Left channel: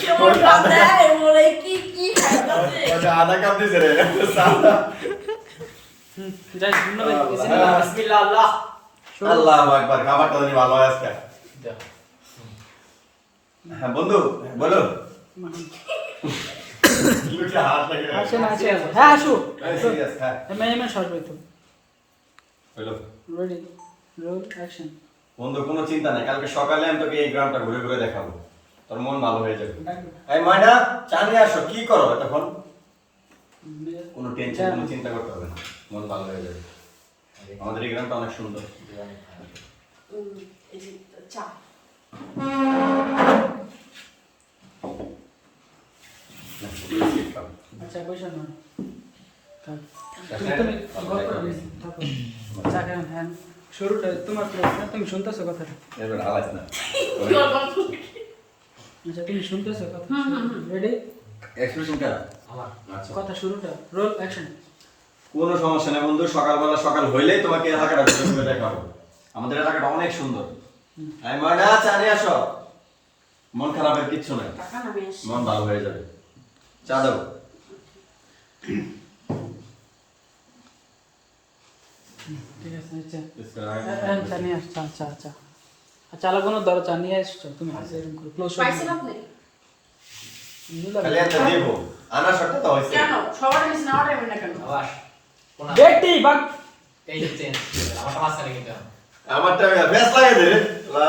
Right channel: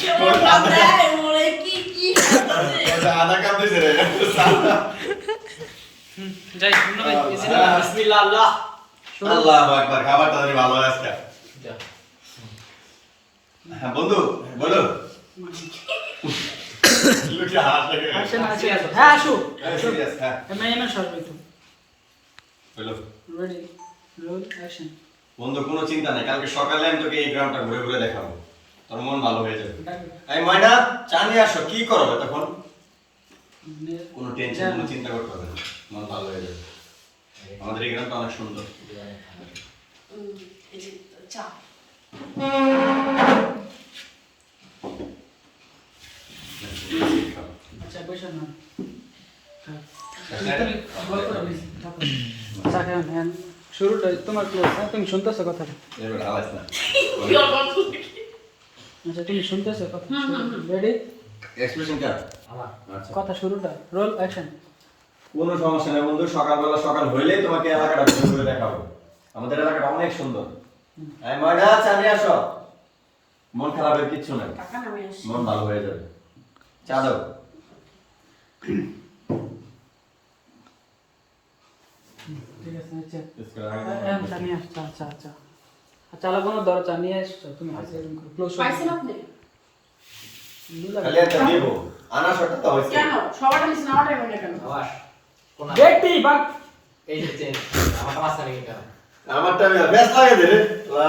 কেমন কাঁদে বলে কি কি কাঁদে আধা রে যাই ধন্যবাদ বিসমিল্লাহ। আল্লাহ আল্লাহ আকবার খাবারটা জানি ভালো হয় আজকে। হ্যাঁ বন্ধু বলো। হ্যাঁ আসো। হ্যাঁ বন্ধু কোনো চিন্তা নেই কালকে সকালে আমি তোকে এই গ্রামটা ঘুরে ঘুরে দেখাবো। তোর মন ভালো হয়ে যাবে। এই ময়না চা নিয়ে আসো কি করো তখন কোনো টেনশন কোনো চিন্তা করতে হবে না। মন ভালো হয়ে যাবে। আমাদের এই গ্রামটা অনেক সুন্দর। চা। আচ্ছা আচ্ছা হ্যাঁ হ্যাঁ শুরুটা তোমার তুমি শুনতেছো কথা না। আচ্ছা তুমি শুনতেছো কথা। রেডি এক্সপ্রেশন কা আমার। আচ্ছা। কথা শুরুটা রোল অ্যাকশন কোনো সমস্যা নেই বন্ধু সকালবেলা সকাল হইলেই তোমাকে এলাকাটা ঘুরে ঘুরে দেখাবো। আমাদের এলাকাটা অনেক সুন্দর। এই ময়না চা আসো। মন খারাপের কিচ্ছু নেই। মন ভালো হয়ে যাবে। চা দাও। ঠিক আছে আচ্ছা। আচ্ছা আচ্ছা। আচ্ছা আলো কোনো দর নিয়ে আসছো তুমি ক্লোজ পাইছেন আপনি? খালি একটা দিব। আনা শর্টটা তো হয়েছে। কেন? মিস না টাইম না কেন? আবার কোন বেটি বাগ এই যে চেঞ্জ আমার এটা আমারটা আমি বেশ লাগে দে রে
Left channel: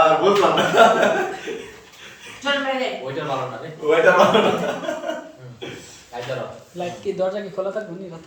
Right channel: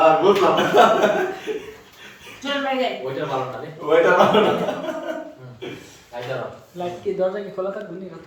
আর বুঝলাম না। চল ওইটার ভালো না রে। ওইটা ভালো না। লাইট কি দরজা কি খোলা থাকবে নি